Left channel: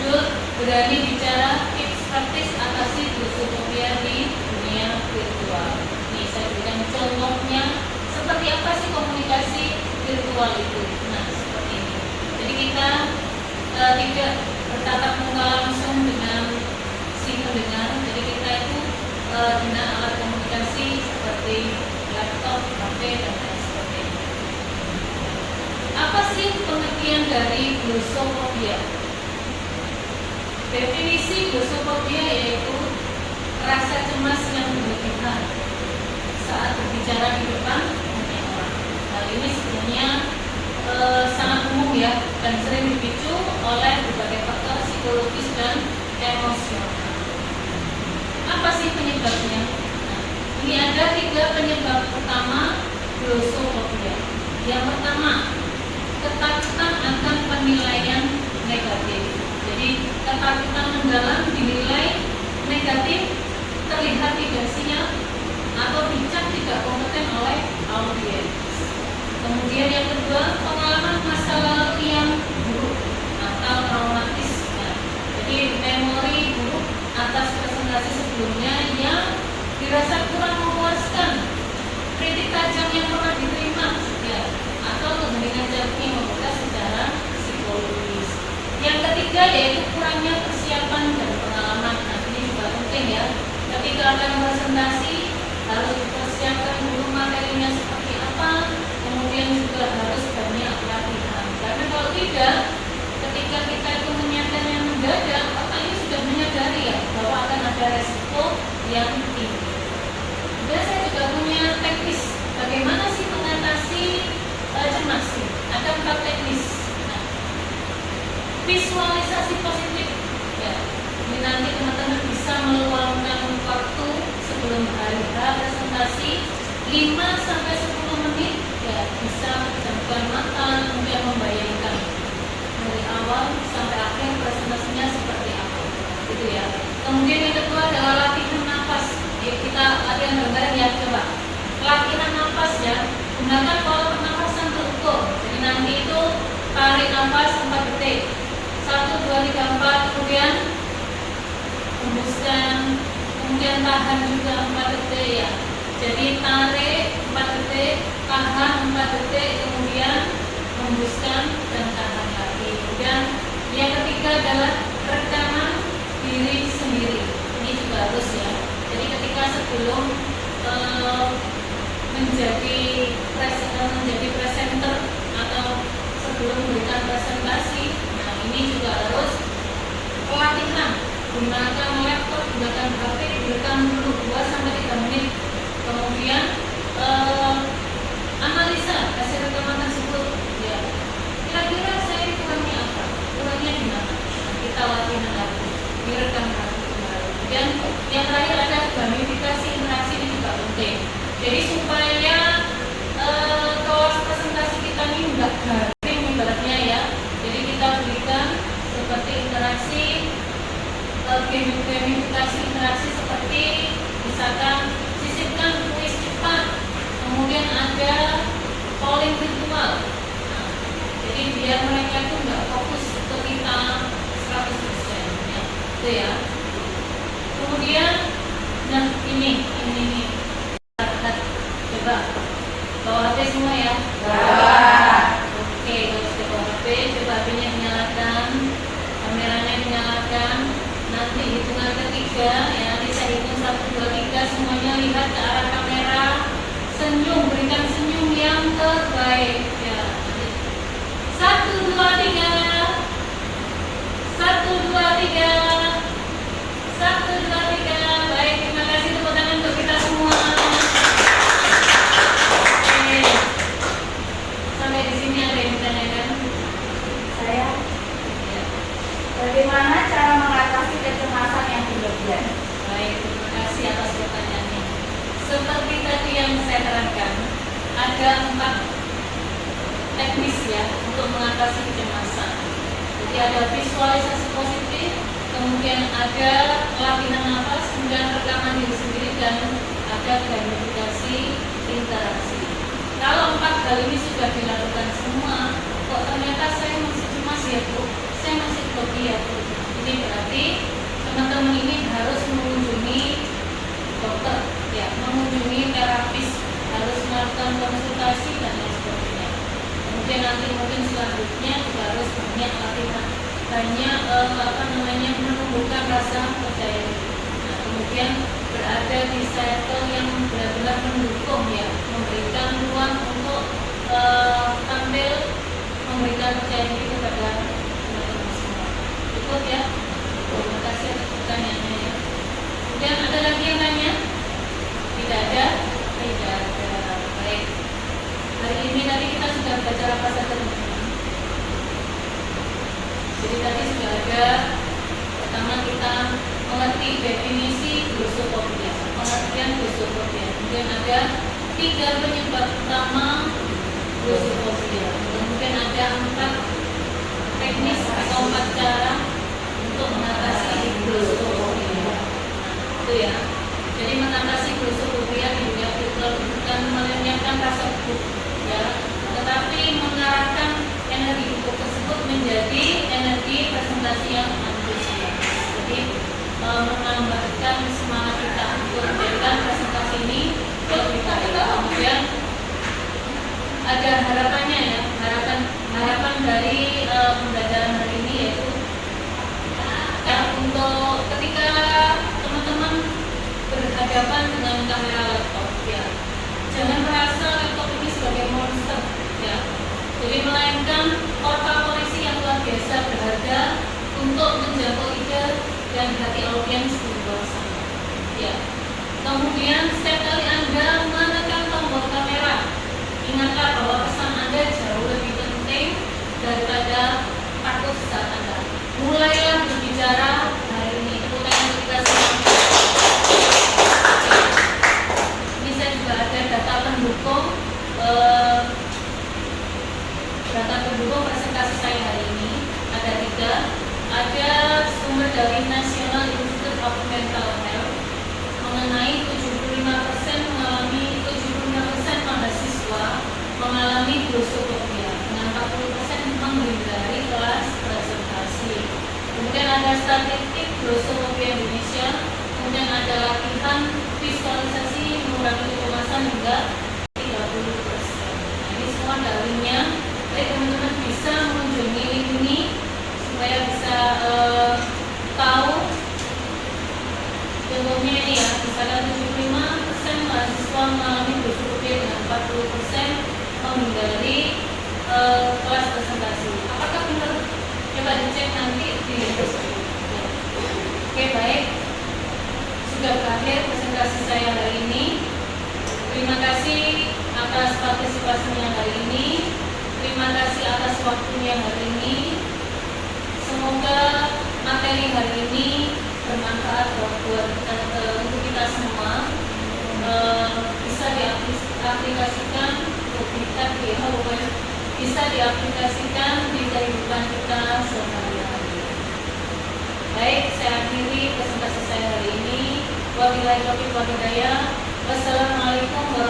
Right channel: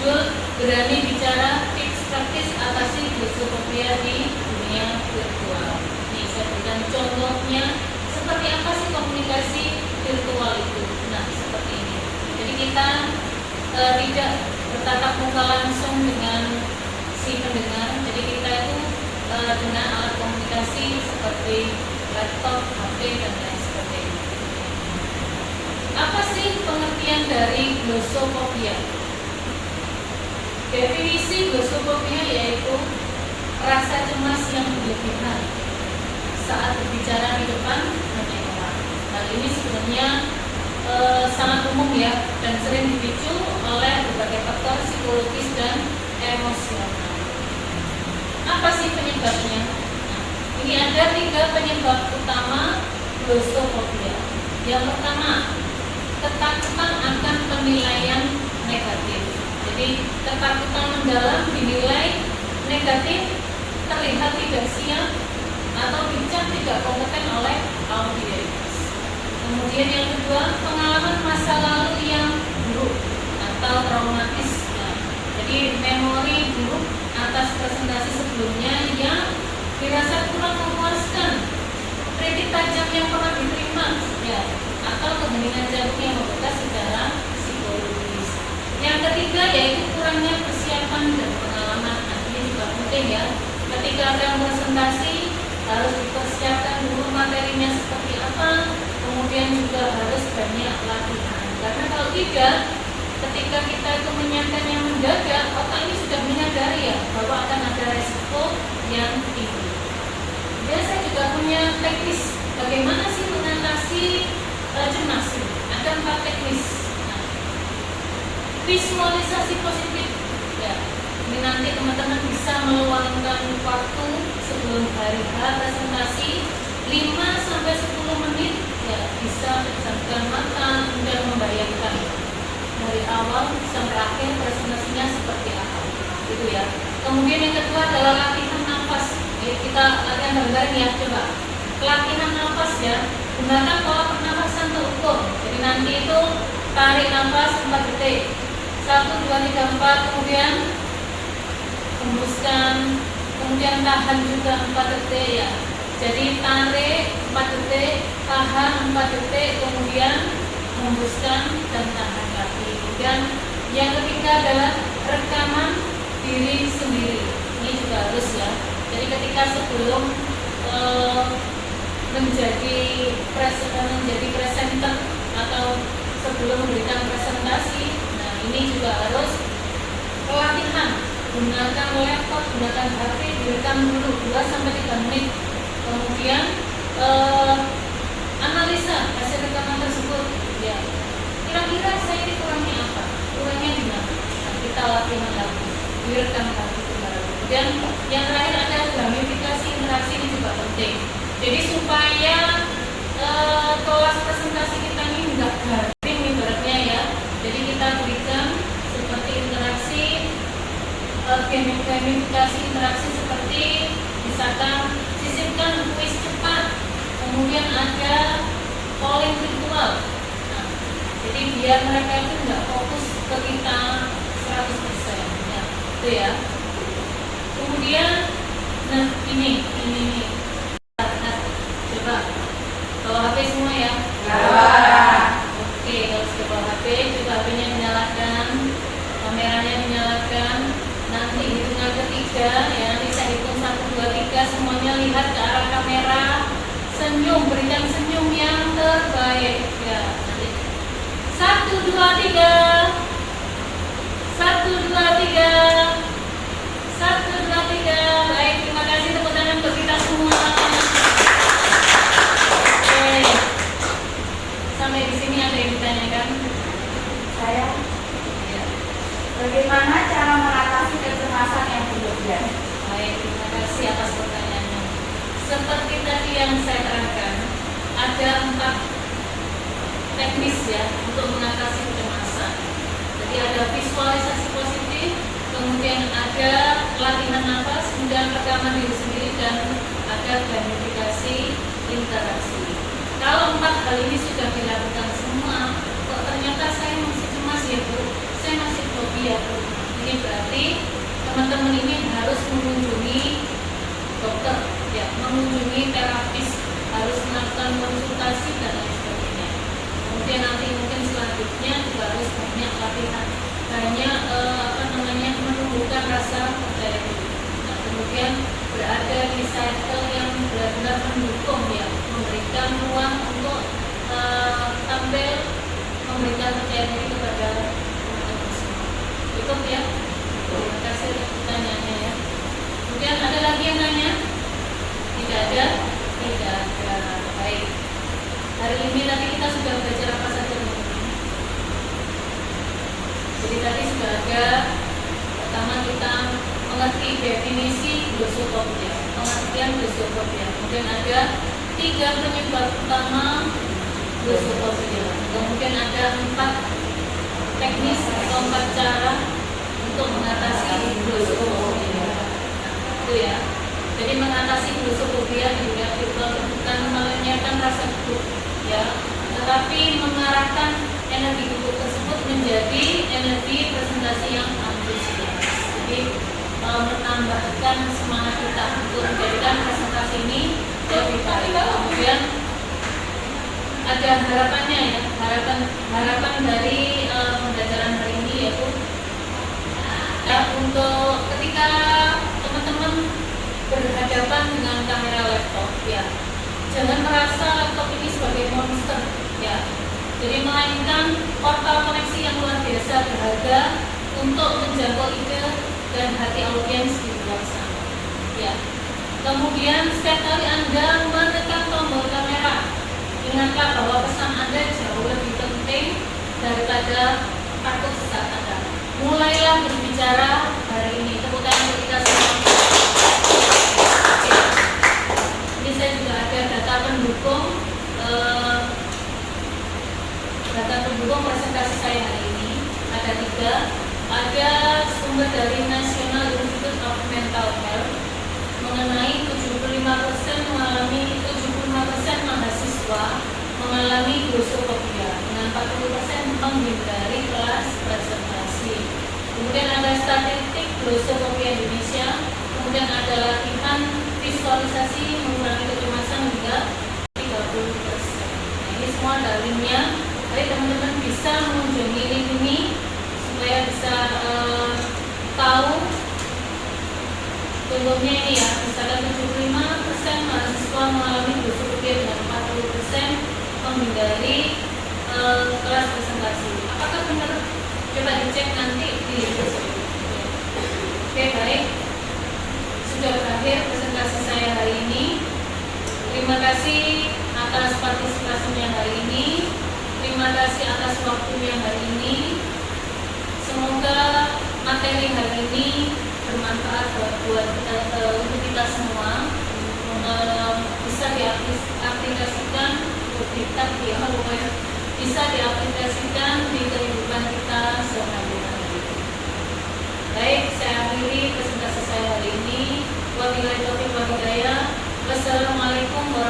berjudul Berani Bicara Tips Praktis Atasi Glossophobia di Dunia Virtual. Nih, saya berikan contohnya seperti apa sih komunikasi virtual itu. Nah, seperti ini. Jadi kita tidak bertatap muka langsung dengan si pendengar. Jadi kita itu dengan alat komunikasi seperti laptop, HP, dan lain sebagainya. Apa sih pengertian dari glossophobia? Definisi glossophobia yaitu rasa cemas yang berlebihan saat berbicara di depan banyak orang. Hal ini sebenarnya sangat umum ya, dan sering dipicu oleh berbagai faktor psikologis dan emosional. Apa sih penyebabnya? Nah, ini ada 3 penyebab utama glossophobia. Yang pertama, ketakutan akan penilaian negatif. Jadi ketakutan mendalam dinilai negatif, terlihat tidak siap atau dicap tidak kompeten oleh audiens. Kemudian yang kedua, pengalaman masa lalu yang buruk atau traumatis. Nah, jadi memori buruk atas presentasi sebelumnya yang dirasa kurang memuaskan, kritik tajam yang pernah diterima, ya, atau keheningan jantung yang membekas secara psikologis. Yang ketiga yaitu kurangnya persiapan dan pengalaman. Nah, ini juga penting ya. Ketika akan presentasi harus dipersiapkan dulu materinya seperti apa, kemudian juga harus banyak latihan. Karena kalau tidak, ketika kita itu menyatakannya mendadak, otak ini sudah menyadari ya bahwa akan ada resiko yang tinggi. Dan saya juga punya teknis bagaimana sih mengatasi cemas. Ada 4 teknis. Nah, visualisasi positif. Ya, ini nanti teman-teman bisa meluangkan waktu sebelum hari H presentasi 5-10 menit. Ya, bisa menjamkan mata, kemudian membayangkan dari awal sampai akhir presentasinya seperti apa, gitu ya. Kemudian yang kedua adalah latihan nafas. Ya, kita latihan bareng-bareng ya, coba. Latihan nafas ya, gunakan pola pernafasan terukur. Jadi nanti itu tarik nafas 4 detik, 1, 2, 3, 4, kemudian hembuskan, kemudian tahan juga 4 detik ya. Jadi tarik 4 detik, tahan 4 detik, kemudian hembuskan dan tahan lagi. Kemudian yang ketiga adalah rekaman diri sendiri. Ini juga harus ya. Jadi ketika sebelum menjadi presenter atau sebelum memberikan presentasi, nah ini juga harus pelatihan. Gunakan laptop, gunakan HP, direkam dulu 2-3 menit. Kemudian analisa hasil rekaman tersebut. Ya, kira-kira saya kurangnya apa? Kurangnya di mana? Nah, kita latihan lagi, direkam lagi kembali. Dan yang terakhir ada gamifikasi interaksi, ini juga penting. Jadi supaya kelas presentasi kita ini enggak garing ibaratnya ya. Jadi kita berikan seperti interaksi, gamifikasi interaksi seperti misalkan sisipkan kuis cepat, kemudian ada polling virtual. Nah, jadi biar mereka itu enggak fokus ke kita 100% ya, itu ya. Kemudian, nah ini coba bawa HP semua ya. Oke, kalau sudah bawa HP, coba HP-nya dinyalakan, kameranya dinyalakan. Nanti hitungan ketiga ya, nanti saya hitung 1, 2, 3, semuanya lihat ke arah kamera, senyum, berikan senyum yang terbaik ya. 1, 2, 3, 1, 2, 3, 1, 2, 3. Baik, terima kasih, tepuk tangan untuk kita semua. Oke, sampai di sini ada yang ditanyakan? Saya, bagaimana cara mengatasi kecemasan yang berlebihan? Baik, terima kasih atas pertanyaannya. Seperti tadi yang saya terangkan, ada 4 teknis ya untuk mengatasi kecemasan. Jadi ada visualisasi positif, kemudian ada latihan nafas, kemudian rekaman diri sendiri, dan ada gamifikasi interaksi. Kalau 4 hal ini sudah dilakukan semua, kok ternyata saya masih cemas ya Bu, saya masih fobia Bu, Ini berarti teman-teman ini harus mengunjungi dokter, ya, mengunjungi terapis, harus melakukan konsultasi dan lain sebagainya. Kemudian nanti mungkin selanjutnya juga harus banyak latihan, banyak menumbuhkan rasa percaya diri. Nah, kemudian berada di circle yang benar-benar mendukung, ya, memberikan ruang untuk tampil, memberikan percaya diri kepada teman-teman semua. Cukup ya. Terima kasih atas pertanyaannya ya. Kemudian ada lagi yang nanya? Tidak ada? Tidak ada. Baik. Hari ini tadi kita sudah belajar apa saja teman-teman? Jadi tadi sudah ada, pertama kita mengerti definisi glosopobia, pengertian glosopobia. Kemudian ada 3 penyebab utama glosopobia. Kemudian ada 4 teknis atau 4 cara untuk mengatasi glosopobia. Itu ya. Jadi mengatasi glosopobia tidak bukan mengenyahkan rasa gugup, ya, tetapi mengarahkan energi gugup tersebut menjadi energi presentasi yang antusias. Jadi menambahkan semangat kita untuk menjadikan presentasi ini lebih baik. Kemudian ada harapannya, ya, harapan dari pembelajaran hari ini yaitu, ya, untuk ketika teman-teman berhadapan dengan kamera laptop, ya, jangan merasa laptop ini sebagai monster, ya. Jadi melainkan portal koneksi yang luar biasa berharga untuk menjangkau ide dan hati audiens di luar sana, ya. Kemudian setiap kali Anda menekan tombol kamera, ingatlah bahwa pesan Anda jauh lebih penting daripada takut saat Anda. Mulailah berbicara hari ini. Tepuk tangan untuk kita semua. Ini saya juga ada data pendukung presentasi saya hari ini. Ada 3. Ada sumber dari National Institute of Mental Health mengenai 75% mahasiswa mengalami glosopobia dengan 40% menghindari kelas presentasi. Kemudian ada statistik glosopobia Indonesia. Kemudian ada latihan visualisasi mengurangi kecemasan hingga 30%. Nah, ini semua dalilnya. Jadi teman-teman bisa mengunjungi link ini supaya bisa tahu. Contohnya ini, ya, misalnya 75% mahasiswa mengalami glosopobia dengan 40% menghindari kelas presentasi. Apakah benar? Coba dicek nanti di website. Ya. Oke, baik. Sudah berakhir presentasi saya hari ini. Terima kasih atas partisipasinya hari ini. Terima kasih atas waktunya hari ini. Semoga materi hari ini bermanfaat buat kita, untuk kita semua, bisa diaplikasikan bisa diaplikasikan di kehidupan kita sehari-hari. Baik, saya akhiri presentasi saya hari ini. Wabillahi taufiq wal hidayah. Wassalamualaikum warahmatullahi wabarakatuh.